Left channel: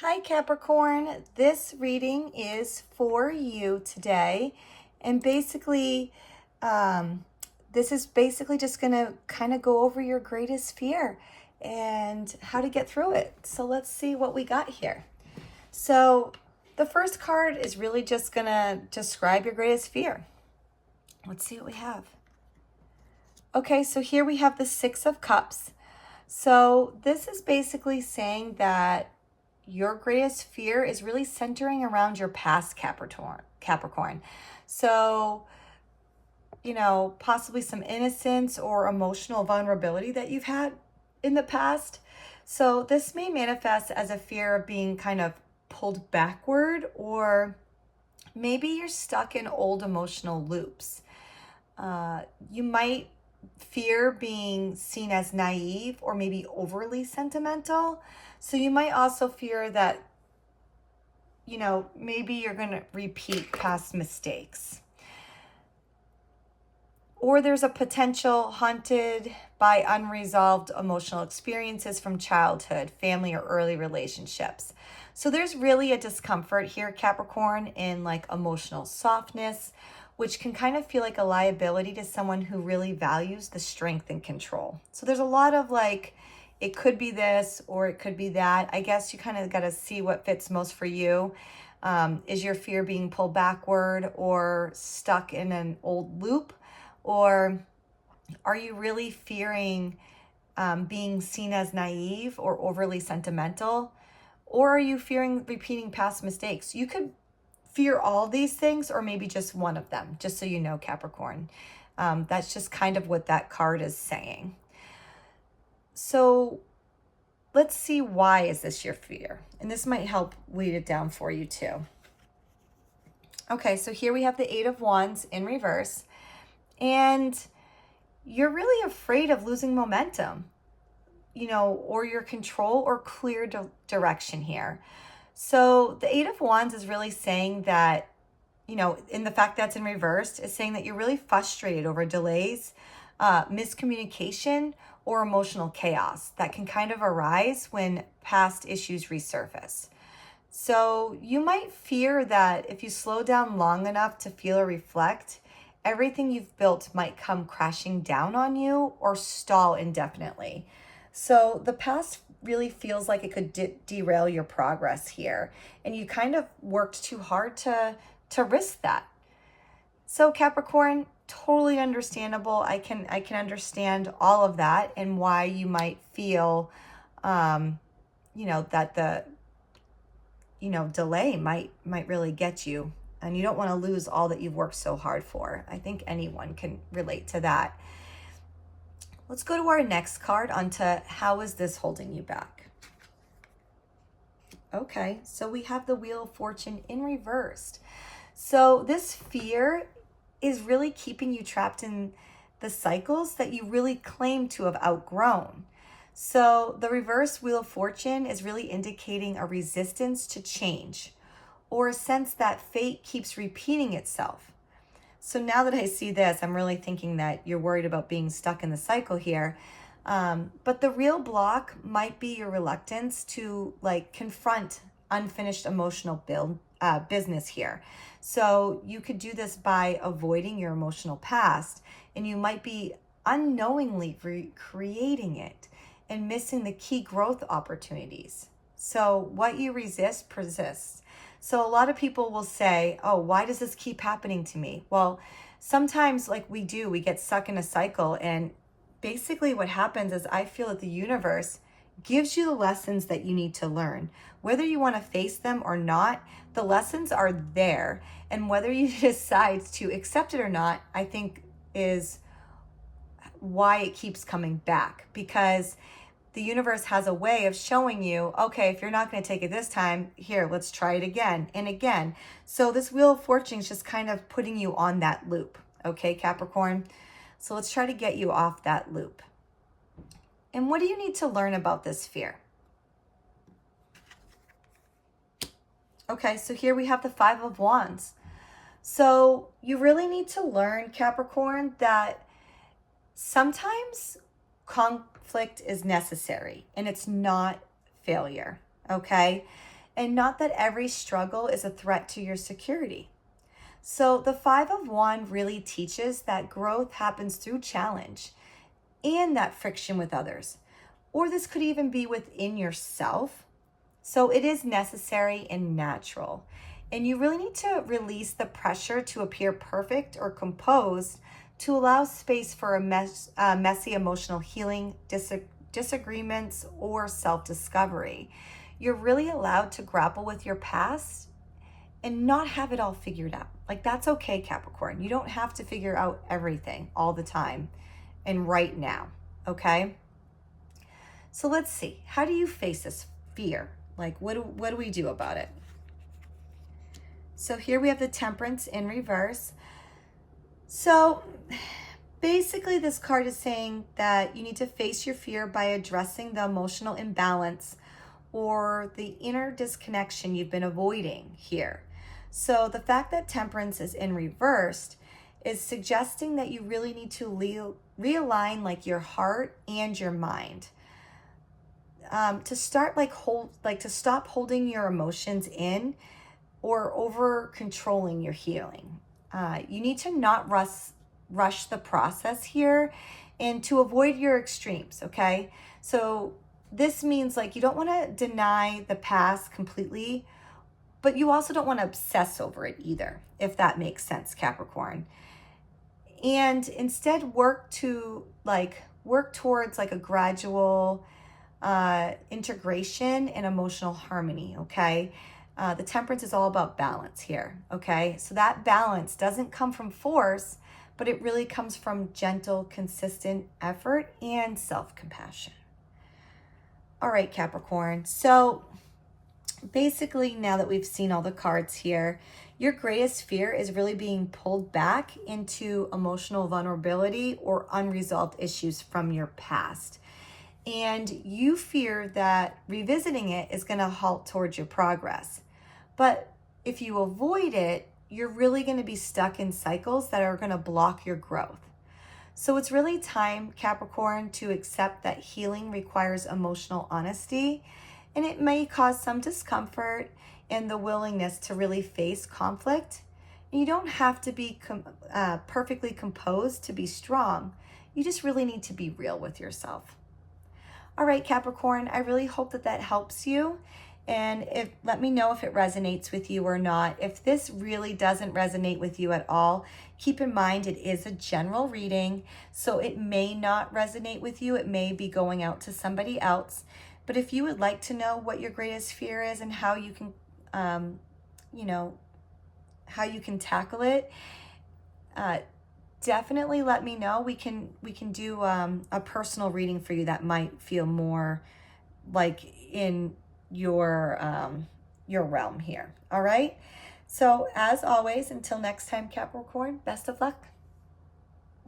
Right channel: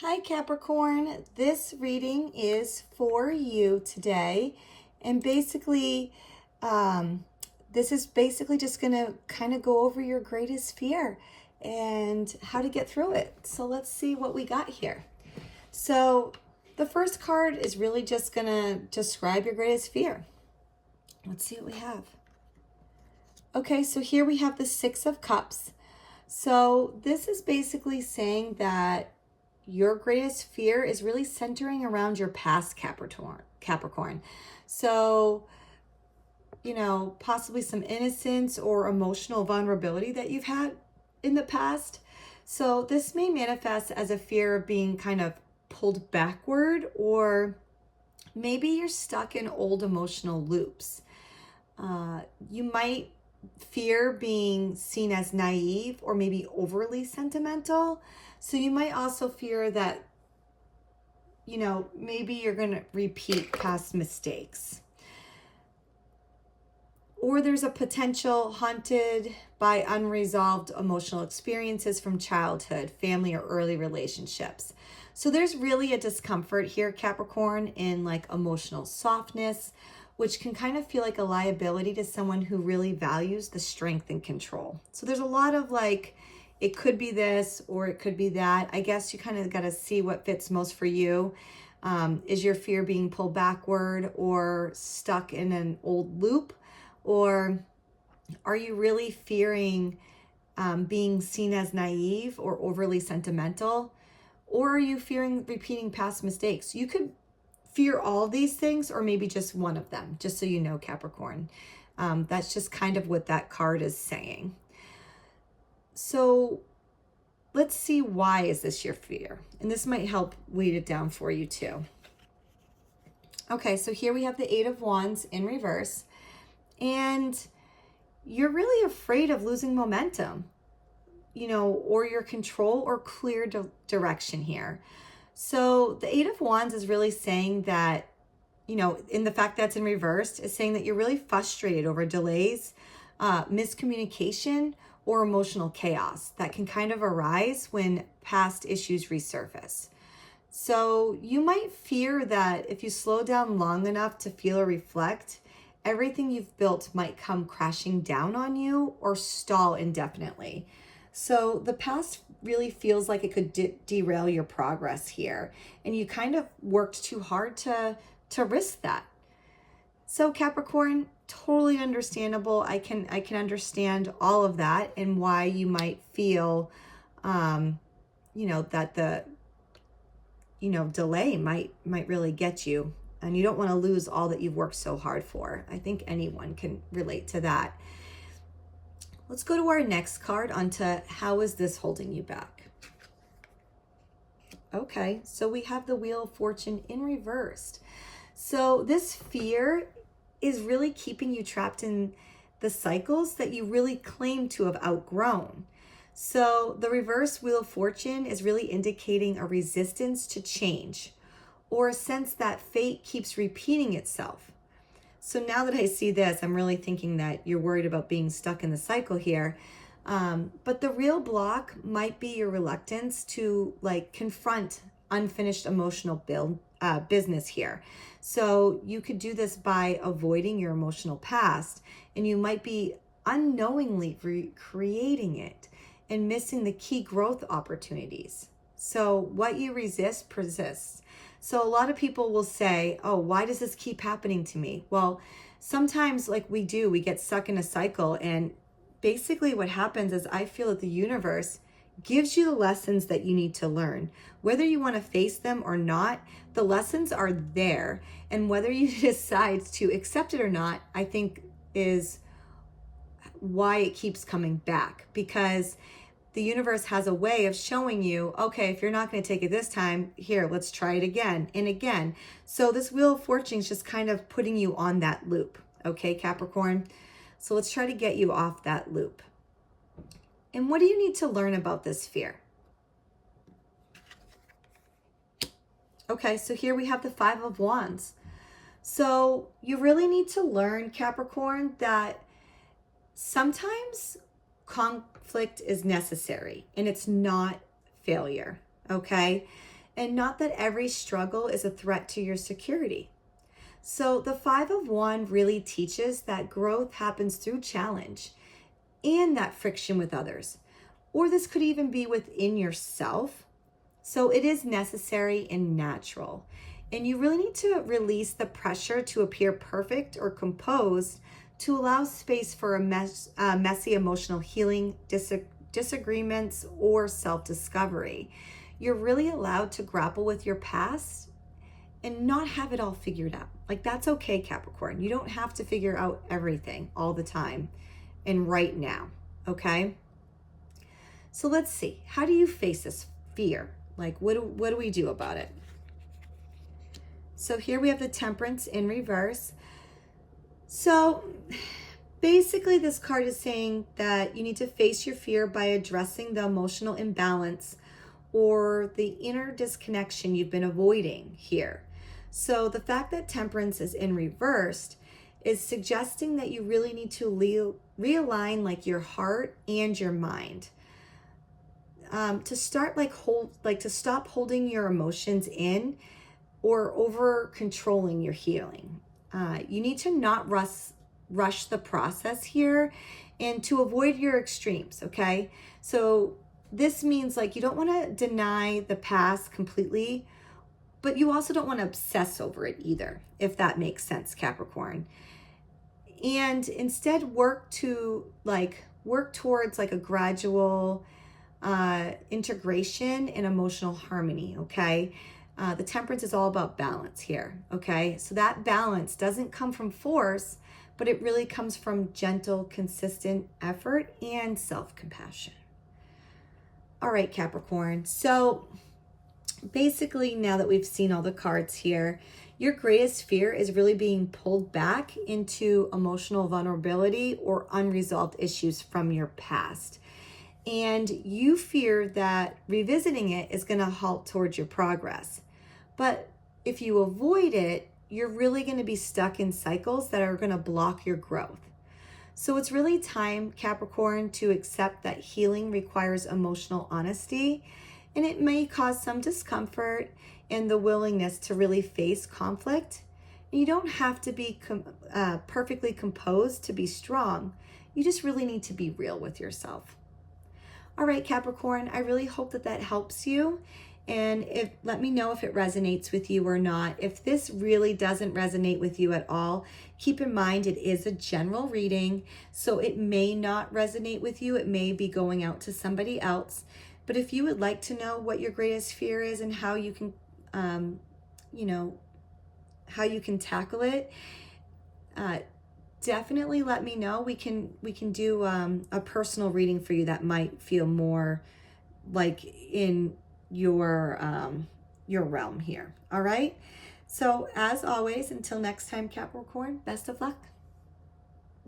Hi Capricorn, this reading is for you today. And basically, this is basically just going to kind of go over your greatest fear and how to get through it. So let's see what we got here. So the first card is really just going to describe your greatest fear. Let's see what we have. Okay, so here we have the Six of Cups. So this is basically saying that your greatest fear is really centering around your past Capricorn. So, possibly some innocence or emotional vulnerability that you've had in the past. So this may manifest as a fear of being kind of pulled backward, or maybe you're stuck in old emotional loops. You might fear being seen as naive or maybe overly sentimental. So you might also fear that, maybe you're going to repeat past mistakes. Or there's a potential haunted by unresolved emotional experiences from childhood, family, or early relationships. So there's really a discomfort here, Capricorn, in like emotional softness, which can kind of feel like a liability to someone who really values the strength and control. So there's a lot of like, it could be this or it could be that. I guess you kind of got to see what fits most for you. Is your fear being pulled backward or stuck in an old loop? Or are you really fearing being seen as naive or overly sentimental? Or are you fearing repeating past mistakes? You could fear all these things or maybe just one of them, just so you know, Capricorn. That's just kind of what that card is saying. So let's see, why is this your fear? And this might help weed it down for you too. Okay, so here we have the Eight of Wands in reverse. And you're really afraid of losing momentum, or your control or clear direction here. So the Eight of Wands is really saying that, in the fact that's in reverse, is saying that you're really frustrated over delays, miscommunication, or emotional chaos that can kind of arise when past issues resurface. So you might fear that if you slow down long enough to feel or reflect, everything you've built might come crashing down on you or stall indefinitely. So the past really feels like it could derail your progress here, and you kind of worked too hard to risk that. So Capricorn, totally understandable. I can understand all of that and why you might feel, that the, delay might really get you, and you don't want to lose all that you've worked so hard for. I think anyone can relate to that. Let's go to our next card onto how is this holding you back? Okay, so we have the Wheel of Fortune in reversed. So this fear is really keeping you trapped in the cycles that you really claim to have outgrown. So the reverse Wheel of Fortune is really indicating a resistance to change, or a sense that fate keeps repeating itself. So now that I see this, I'm really thinking that you're worried about being stuck in the cycle here. But the real block might be your reluctance to confront unfinished emotional business here. So you could do this by avoiding your emotional past, and you might be unknowingly recreating it and missing the key growth opportunities. So what you resist persists. So a lot of people will say, oh, why does this keep happening to me? Well, sometimes we get stuck in a cycle, and basically what happens is I feel that the universe gives you the lessons that you need to learn. Whether you want to face them or not, the lessons are there. And whether you decide to accept it or not, I think is why it keeps coming back, because the universe has a way of showing you, okay, if you're not going to take it this time, here, let's try it again and again. So this Wheel of Fortune is just kind of putting you on that loop. Okay, Capricorn? So let's try to get you off that loop. And what do you need to learn about this fear? Okay, so here we have the Five of Wands. So you really need to learn, Capricorn, that sometimes conflict is necessary and it's not failure, okay? and not that every struggle is a threat to your security. So the Five of Wands really teaches that growth happens through challenge and that friction with others. Or this could even be within yourself. So it is necessary and natural. And you really need to release the pressure to appear perfect or composed to allow space for a messy emotional healing, disagreements, or self-discovery. You're really allowed to grapple with your past and not have it all figured out. Like, that's okay, Capricorn. You don't have to figure out everything all the time and right now, okay? So let's see. How do you face this fear? Like, what do we do about it? So here we have the Temperance in reverse. So basically this card is saying that you need to face your fear by addressing the emotional imbalance or the inner disconnection you've been avoiding here. So the fact that Temperance is in reversed is suggesting that you really need to realign like your heart and your mind. To start to stop holding your emotions in or over controlling your healing. You need to not rush the process here and to avoid your extremes, okay? So this means like you don't want to deny the past completely, but you also don't want to obsess over it either, if that makes sense, Capricorn. And instead work towards like a gradual integration and emotional harmony, okay? The Temperance is all about balance here, okay? So that balance doesn't come from force, but it really comes from gentle, consistent effort and self-compassion. All right, Capricorn. So basically, now that we've seen all the cards here, your greatest fear is really being pulled back into emotional vulnerability or unresolved issues from your past. And you fear that revisiting it is going to halt towards your progress. But if you avoid it, you're really going to be stuck in cycles that are going to block your growth. So it's really time, Capricorn, to accept that healing requires emotional honesty, and it may cause some discomfort and the willingness to really face conflict. And you don't have to be perfectly composed to be strong. You just really need to be real with yourself. All right, Capricorn, I really hope that helps you. And let me know if it resonates with you or not. If this really doesn't resonate with you at all, keep in mind it is a general reading, so it may not resonate with you. It may be going out to somebody else. But if you would like to know what your greatest fear is and how you can, how you can tackle it, definitely let me know. We can do a personal reading for you that might feel more like in your realm here. All right. So as always, until next time, Capricorn, best of luck.